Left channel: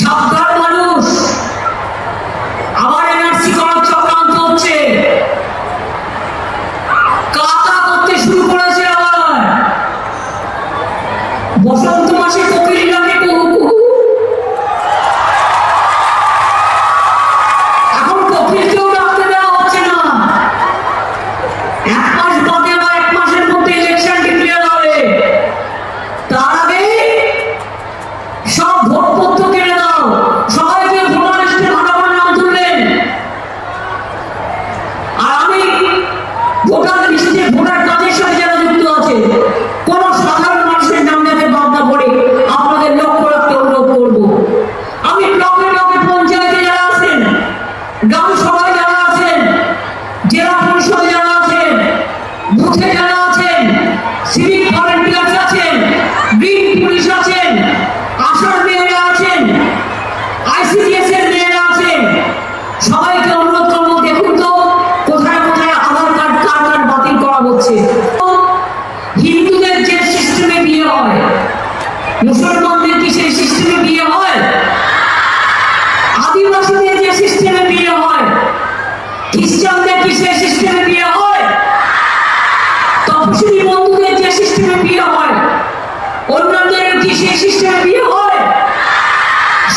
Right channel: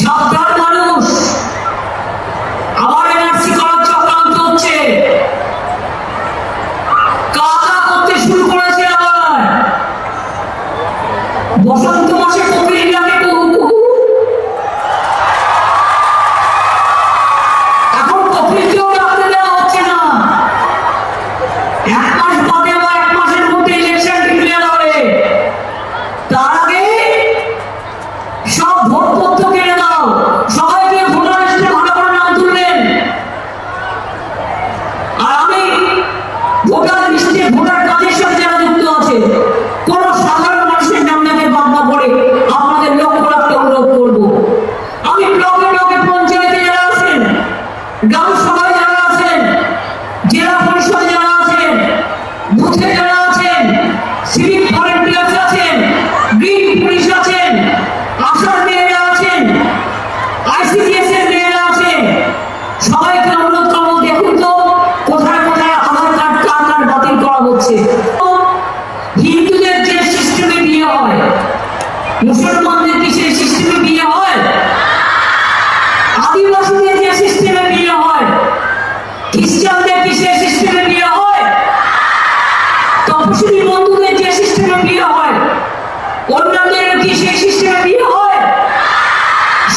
সাবধান মানুষ, আবার এনআরসি করার চক্রান্ত হচ্ছে, কাটা করতে শুরু করেছে। আবার বসন্ত মাসে কোকিল ডাকে কুহু কুহু, এখন কোকিলকেও ডাকতে দেওয়া হচ্ছে না। 1 মাস বাদে বা 1 মাসের মধ্যে ইলেকশন ডিক্লেয়ার হবে, তার আগে সব ভোটপত্র কেড়ে দাও। সবাইকে ভোটার লিস্টে ভালো করে নাম তুললেন, আর আমি ভোটার লিস্টে ভোটার কাজের সাথে যারা যুক্ত আছে কোন সাধারণ মানুষের নাম যাতে বাদ না পড়ে আপনাদের লক্ষ্য রাখতে অনুরোধ করবো। আমি ব্লকে ব্লকে পঞ্চায়েতে যারা আছেন, গ্রাম সভায় যারা আছেন, জেলা পরিষদে যারা আছেন, বুথে যারা আছেন, সিভিক ভলেন্টিয়ার্স আছেন, গ্রিন পুলিশ আছেন, আশার মেয়েরা আছেন, আইসিডিএস এর মেয়েরা আছেন, সবাইকে অনুরোধ করবো, দেখুন তো কোথায় কোথায় আধার কার্ড কার্ড বাতিল করা হচ্ছে। হিন্দুদের যে সিস্টেমে বিয়ে হয়, মুসলমানদের কি সেই সিস্টেমে বিয়ে হয়? আদিবাসীদের যে সিস্টেমে বিয়ে হয়, খ্রিস্টানদের কি সেই সিস্টেমে বিয়ে হয়? তপশিলি বন্ধুদের যে সিস্টেমে বিয়ে হয়, অন্যান্যদের কি সেই সিস্টেমে বিয়ে হয়?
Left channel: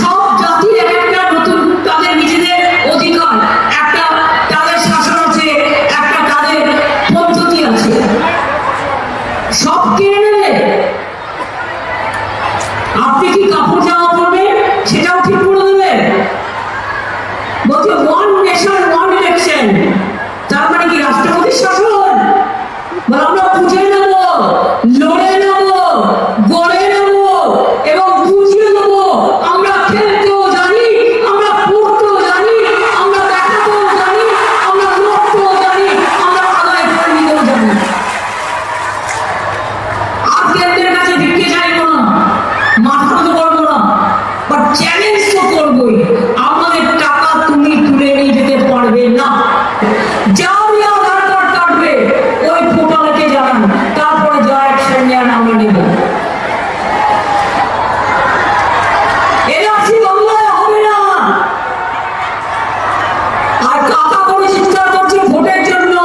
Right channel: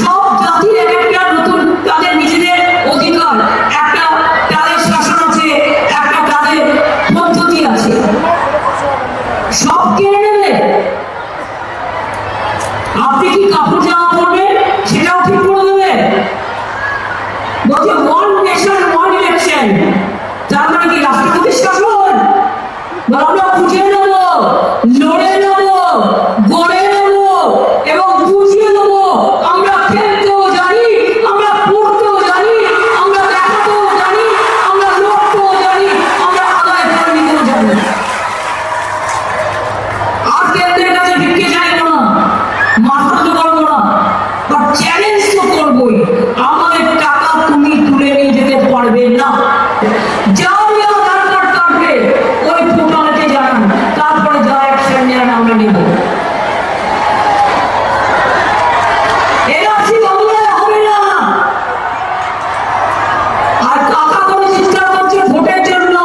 সব জাতি একটা নতুন তাদের নিজেদের অধিকার, একটা তাদের শাসন আছে, একটা তাদের পদ্ধতি আছে, সব কেড়ে নেবে। আপনি কি কাপড় জামা পরবেন সেটাও ঠিক করে দেবে। বলছে ওয়ান নেশন ওয়ান ইলেকশন, তার মানে কি রাষ্ট্রপতির শাসন? বলে আমরা বুঝে নেব, লড়ে নেব, গড়ে নেব এবং বুঝিয়ে নেব। আমরা খেলতেও জানি, আমরা পড়তেও জানি, আমরা কাটাতেও জানি, আমরা লড়তেও জানি, আমরা আদায় করে নিতেও জানি। আর কেন্দ্রের কাছে ভিক্ষে চাইবো না, মাথা তো করবো না, বাট চ্যালেঞ্জ তো করবোই। আমাদের টাকা তুমি তুলে নিয়ে যেতে পারবে না। যারই আধার কার্ড কাটবে ওই পোর্টালেতে জানান, তারপরে যা অ্যাকশন নেন আমরা নেব। এনআরসি বাংলায় হবে না। আর টাকা করে চিৎকার করছে ভোটের জন্য,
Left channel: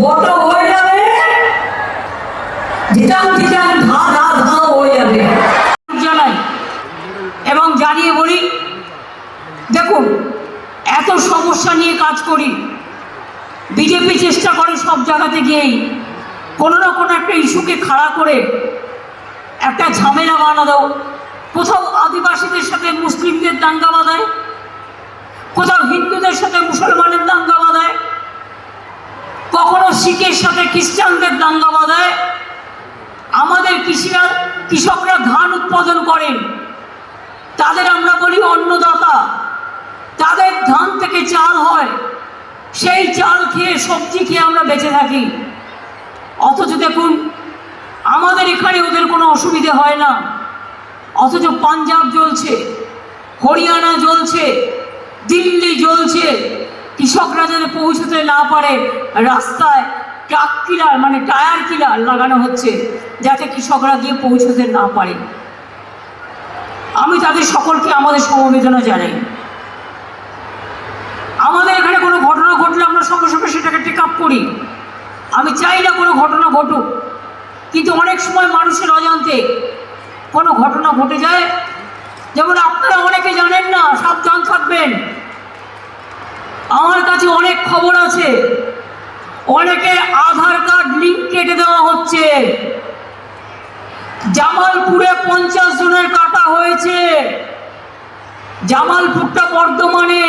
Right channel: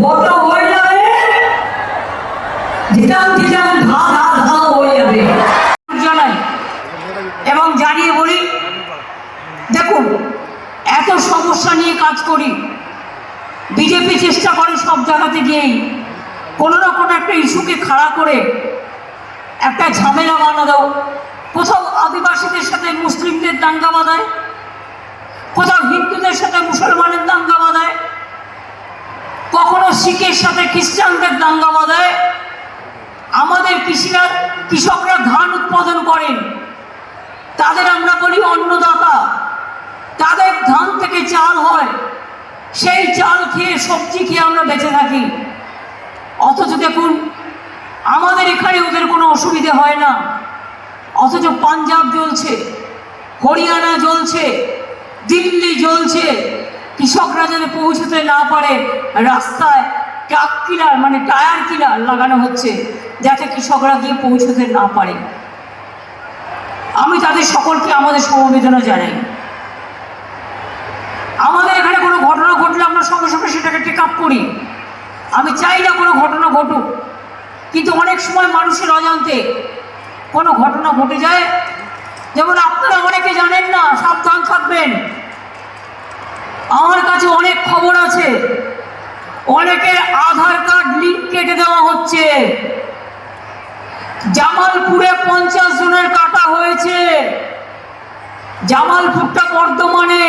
ভোট হয়ে যাবে, জিতান জিতান ধা ধা ধা হয়ে যাবে। জানাই এবং জানিয়ে বলি, দেখুন এত সমস্যা নিয়ে কাজ করি, বিজেপি চেষ্টা করে সব জায়গাতে গিয়েই কোনো না কোনো একটা ইস্যুকে খাড়া করে একটা ঝামেলা বানানো। কোথাও আদিবাসীদের সাথে মুসলিমদের দাঙ্গা বাঁধায়, কোথাও হিন্দুদের সাথে মুসলমানের দাঙ্গা বাঁধায়, কখনো শিখের সাথে খ্রিস্টানদের দাঙ্গা বাঁধায়। আমাদের কৃষকরা ধান উৎপাদন করেন, তাদের আমরা বলি অন্নদাতা, তাদের ধান থেকে চাল হয়, সেই চাল খেয়ে সবজি খেয়ে আমরা বেঁচে থাকি। অথচ দেখুন আমাদের এখানে ওদের কোনো অসুবিধা হয় না, অথচ পাঞ্জাব জ্বলছে, হরিয়ানা জ্বলছে, দিল্লি জ্বলছে। কৃষকরা যেন পৌঁছতে না পারে রাস্তায় ট্রাক কিলার মানে টায়ার কিলার লাগানো হচ্ছে যাতে কৃষকরা গিয়ে পৌঁছতে না পারে। আমি তাদের সকলকে আমাদের সমবেদনা জানাই। আমাদের এখানে কোনো ঘটনা ঘটলে আমরা সঙ্গে সঙ্গে সেটাকে টেক আপ করি। আমি চাই না কোনো ঘটনা ঘটুক, কিন্তু অনেক সময় মানুষের অজান্তে কোনো ঘটনা ঘটে যায়। যেমন আপনারা অনেকে জানেন না, সাবধান থাকবেন। আমার কাছে অনেক খবর আছে, অনেকে আধার কার্ড লিঙ্ক কেটে দেওয়া হচ্ছে। জামালপুরে 50 জনের কাটা হয়েছে, জামালপুরটা বর্ধমানে,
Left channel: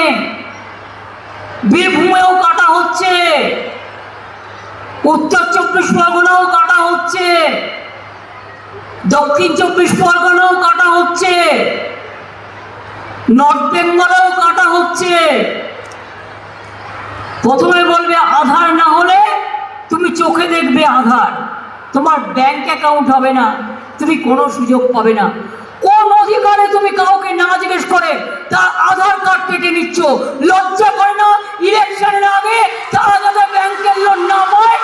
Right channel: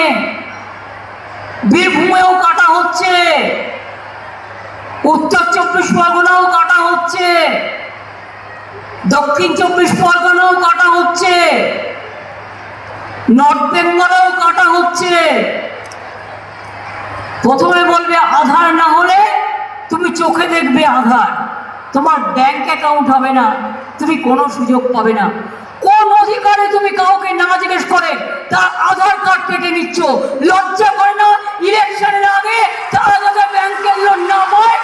বীরভূমেও কাটা হচ্ছে, উত্তর 24 পরগনাও কাটা হচ্ছে, দক্ষিণ 24 পরগনাও কাটা হচ্ছে, নর্থ বেঙ্গলেও কাটা হচ্ছে। প্রথমে বলবে আধার না হলে তুমি চোখে দেখবে আধার, তোমার ব্যাংক অ্যাকাউন্ট হবে না, তুমি কোনো সুযোগ পাবে না। কোন অধিকারে তুমি কাউকে না জিজ্ঞেস করে তার আধার কার্ড কেটে নিচ্ছ? লজ্জা করে না? ইলেকশনের আগে তারা যাতে ব্যাংকের লোন না পায়,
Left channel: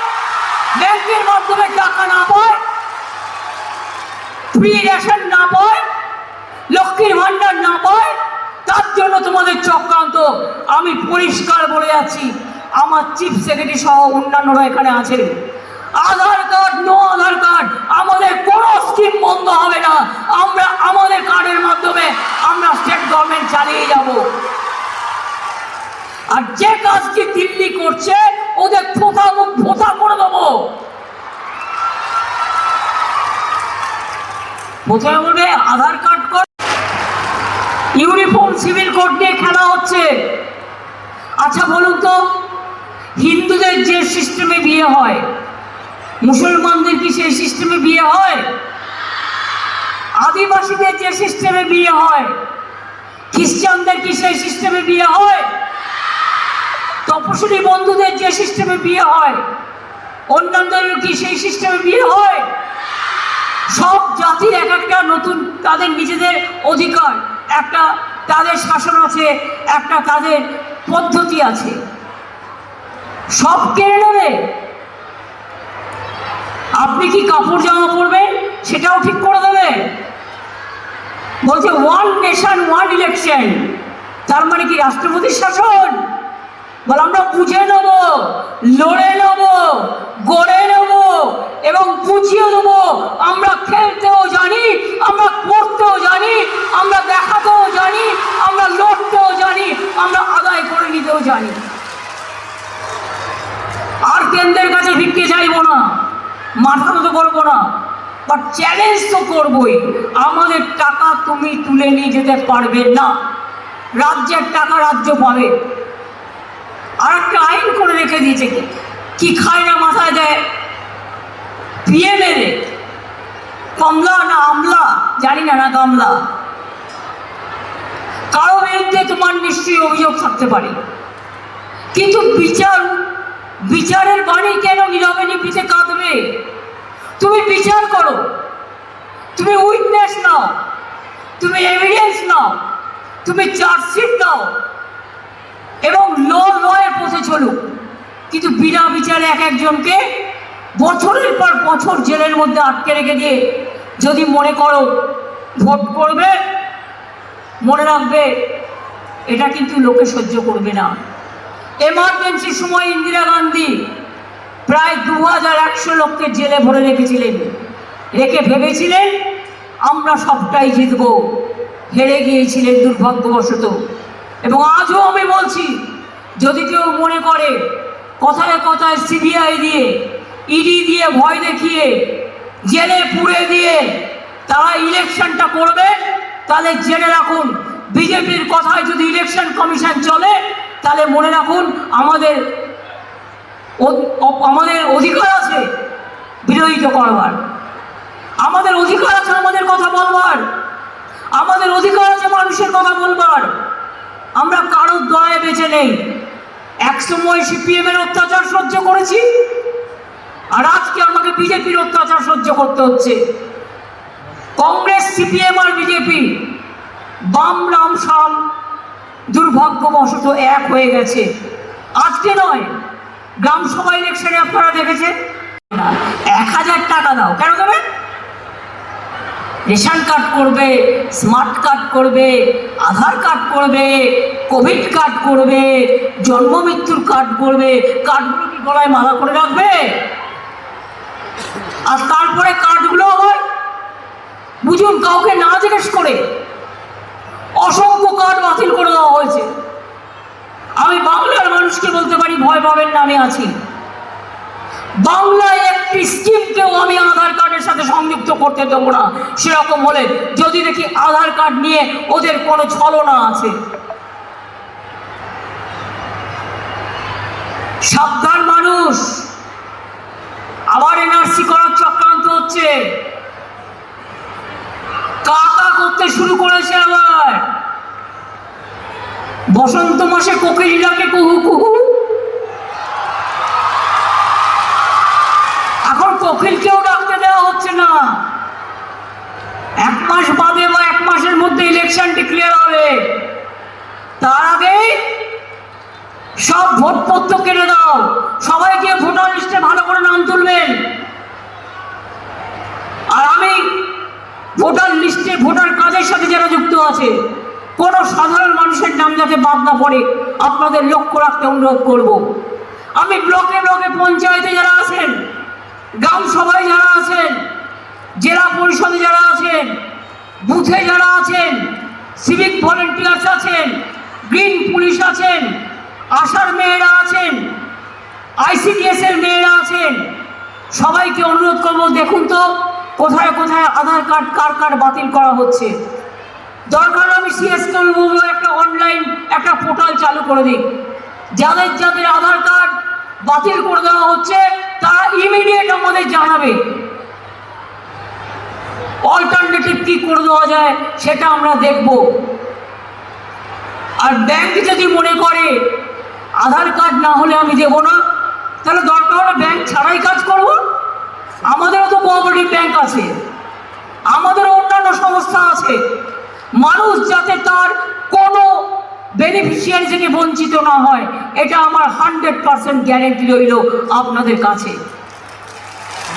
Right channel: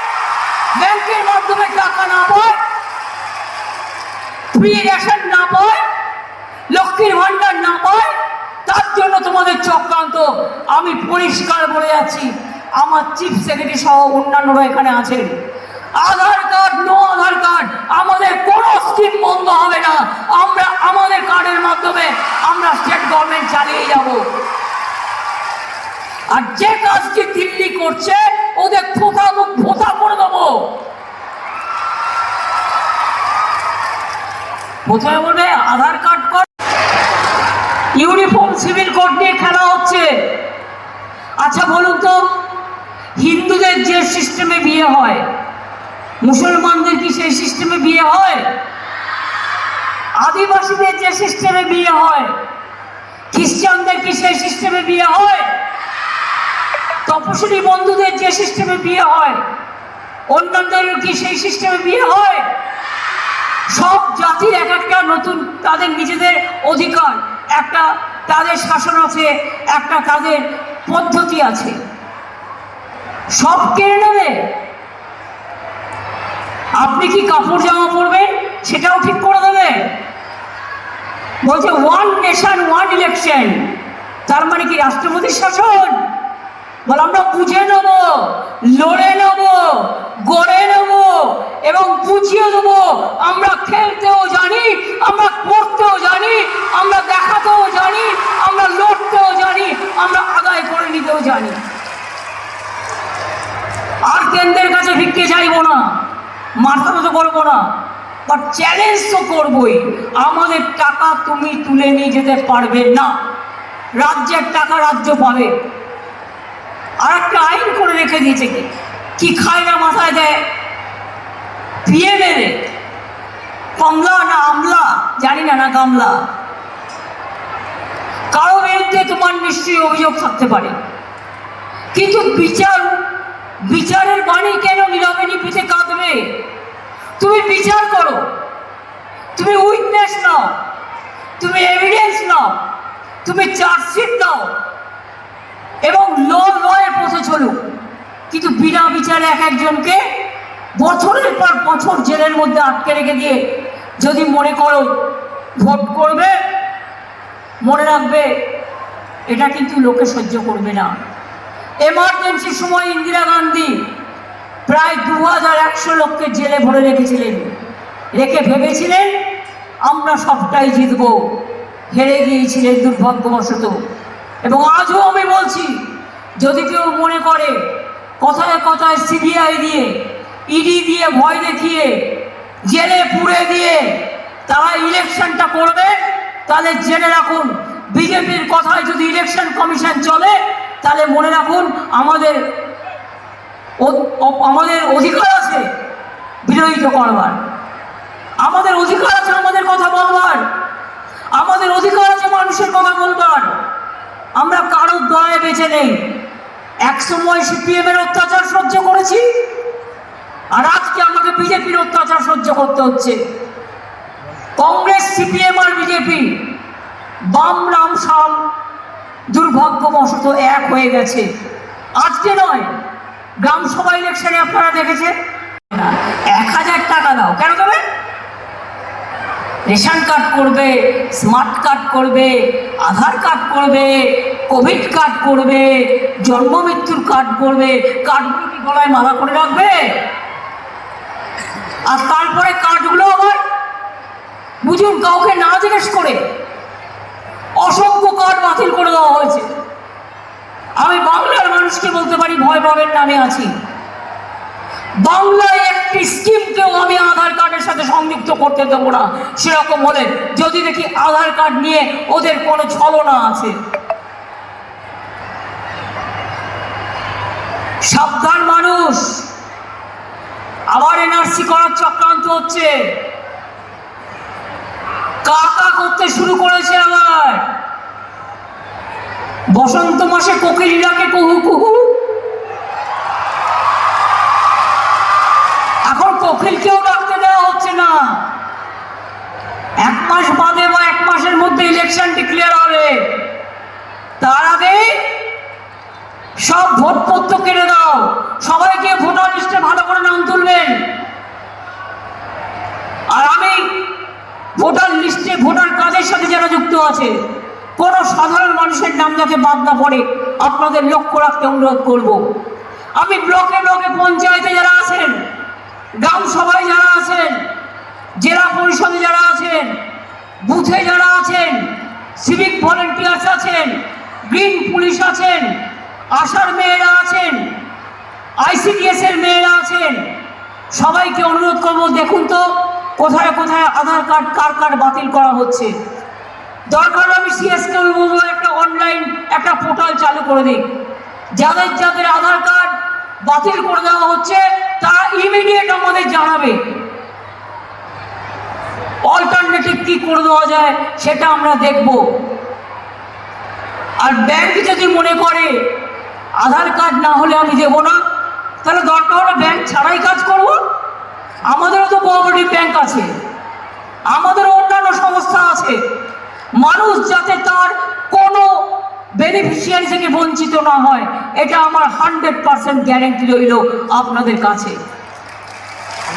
ব্যাংকের মাধ্যমে টাকা না পায়, ফ্রি রেশন না পায়, লক্ষ চক্রান্ত। আমি পরিষ্কার বলে যাচ্ছি, আমার চিফ সেক্রেটারি সহ অন্যান্যরা এখানে আছেন। আধার কার্ড, নো আধার কার্ড, আমাদের কোনো স্কিম বন্ধ হবে না। আমরা আমাদের কার্ডের মাধ্যমে আমরা স্টেট গভর্নমেন্ট চালিয়ে যাব। আর যে কাজটি দিল্লি করছে ওদের ফোঁটা করে দেবো। প্রথমে বলবে Aadhaar card code, uniform civil code নিয়ে খেলা হচ্ছে। আচ্ছা বলুন তো, হিন্দুদের যে সিস্টেমে বিয়ে হয়, মুসলমানদের কি সেই সিস্টেমে বিয়ে হয়? আদিবাসীদের যে সিস্টেমে বিয়ে হয়, খ্রিস্টানদের কি সেই সিস্টেমে বিয়ে হয়? তপশিলি বন্ধুদের যে সিস্টেমে বিয়ে হয়, অন্যান্যদের কি সেই সিস্টেমে বিয়ে হয়? সব জাতির এক একটা নতুন তাদের নিজেদের অধিকার, একটা তাদের শাসন আছে, একটা তাদের পদ্ধতি আছে। সব কেড়ে নেবে। আপনি কি কাপড় জামা পরবেন সেটাও ঠিক করে দেবে। বলছে ওয়ান নেশন ওয়ান ইলেকশন, তার মানে কি রাষ্ট্রপতির শাসন? বলে আমরা বুঝে নেব, লড়ে নেব, গড়ে নেব এবং বুঝিয়ে দেব। আমরা খেলতেও জানি, আমরা পড়তেও জানি, আমরা দেখাতেও জানি, আমরা লড়তেও জানি, আমরা আদায় করে নিতেও জানি। আর কেন্দ্রের কাছে ভিক্ষে চাইবো না, মাথা তো করবো না, বাট চ্যালেঞ্জ তো করবোই। আমাদের টাকা তুমি তুলে নিয়ে যেতে পারবে না, রাজ্যের টাকা রাজ্য পাবে। আর একটা আইন করে রেখে দিয়েছে, কি খায় না মাথায় দেয়, পিয়ে মেরে, কমলা না আমলা জানি না, না গামলা। কারো বিরুদ্ধে তোমার নিশ্চয়ই অভিযোগ থাকতে পারে, কিন্তু বিচারের বাণী কেন নীরবে নিভৃতে কাঁদবে? তুমি বিচার করো, তুমি উইটনেস নাও, তুমি এভিডেন্স নাও, তুমি চার্জশিট দাও এবং লয়ে পৌঁছে চলুক। কিন্তু বিনা বিচারে এক একজনকে বছরের পর বছর জেলের মধ্যে আটকে রেখে দিয়ে যদি মনে করো ভোট করবে, মনে রাখবে এটা কিন্তু লোকে সহ্য করবে না। এমার্জেন্সি সময় ইন্দিরা গান্ধী প্রায় 2100 লোককে জেলে ভরে রেখেছিলেন, রেখে ভেবেছিলেন আমরা সবটাই জিতব, হেরে গিয়েছিলেন দুর্ভাগ্যবশত। এবং আজও আমি বলছি, যদি কেউ মনে করে কথায় কথায় সিবিআই দিয়ে, ইডি দিয়ে ভয় দেখিয়ে, জেলে পুরে দিয়ে তারা ইলেকশনটা করবে, তাহলে জেনে রাখুন বিজেপির কথায় যদি ইলেকশন কমিশন চলে, তাহলে মনে রাখুন আমাদের অধিকার আছে বিরোধিতা করবার, আমাদের অধিকার আছে আমাদের কথা বলবার, আমাদের অধিকার আছে মানুষের কথা বলবার। আমরা কারোর দয়ায় বেঁচে নেই। এক সময় সিপিএম এর অত্যাচার সহ্য করেছি, আর আজকে আমাকে বিজেপির অত্যাচার সহ্য করতে হচ্ছে। কংগ্রেস, সিপিএম আর বিজেপি, বাম রাম শাম দুর্ভাগ্যবশত এক হয়ে গেছে। আজকে নয়, গ্রাম সভা ইলেকশনে আপনারা দেখেছেন 1000 টাকা দাও, কেন দেবে? রেশন কার্ড করবে, স্মার্ট কার্ড করবে, আধার কার্ড করবে, কোভিড কার্ড করবে, জন্ম মৃত্যুর কার্ড করবে। কার্ডগুলো কি গলায় মালা করে রাখবে? আর তারপরে কার্ডগুলো আবার বুঝুন কাউকে না জিজ্ঞেস করে অসংখ্য কার্ড বাতিল করে দেওয়া হয়েছে। আমি বাংলার মানুষকে বলতে পারি, ভয় পাবেন না, আমি আছি। বাংলায় একটি স্কিমকেও আমি আধার কার্ডের সাথে সংযুক্ত করতে দেবো না, সেরকম হলে যদি দেখি আধার কার্ড নিয়ে ওদের কোনো ছলনা আছে। সাবধান মানুষ, আবার এনআরসি করার চক্রান্ত হচ্ছে, কাকা করতে শুরু করেছে। আবার বসন্ত মাসে কোকিলটাকে কুহু কুহু, এখন কোকিলকেও ডাকতে দেওয়া হচ্ছে না। 1 মাস বাদে বা 1 মাসের মধ্যে ইলেকশন ডিক্লেয়ার হবে, তার আগে সব ভোটপত্র কেটে দাও, সবাইকে ভোটার লিস্টে ভালো করে নাম তুলবেন। আর আমি ভোটার লিস্টে ভোটার কাজের সাথে যারা যুক্ত আছে কোনো সাধারণ মানুষের নাম যাতে বাদ না পড়ে আপনাদের লক্ষ্য রাখতে অনুরোধ করব। আমি ব্লকে ব্লকে পঞ্চায়েতে যারা আছেন, গ্রাম সভায় যারা আছেন, জেলা পরিষদে যারা আছেন, বুথে যারা আছেন, সিভিক ভলেন্টিয়ার্স আছেন, গ্রিন পুলিশ আছেন, আশার মেয়েরা আছেন, ICDS এর মেয়েরা আছেন, সবাইকে অনুরোধ করব, দেখুন তো কোথায় কোথায় আধার কার্ড কার কার বাতিল করা হচ্ছে। দরকার আমি CSK একটা অনলাইন একটা পোর্টাল চালু করে দিই, যাদের যাদের আধার কার্ড বাতিল করে দেওয়া হচ্ছে তারা ইমিডিয়েট আমাদের জানাবে, অল্টারনেটিভ কি করে দেওয়া যায় সেটা আমরা দেখব। আর ব্যাংক যদি মনে করে আধার কার্ড না হলে আমি দেব না, তাহলে দরকার হলে ব্যাংক ছাড়াই কাজ করব। আমাদেরও তো কোঅপারেটিভ ব্যাংক আছে, আমাদেরও অন্যান্য সংস্থা আছে। মানুষ যাতে তার কোনো বেনিফিশিয়ারি থেকে বঞ্চিত না হয়, এটা আমার 100% গ্যারেন্টি রইল আপনাদের কাছে।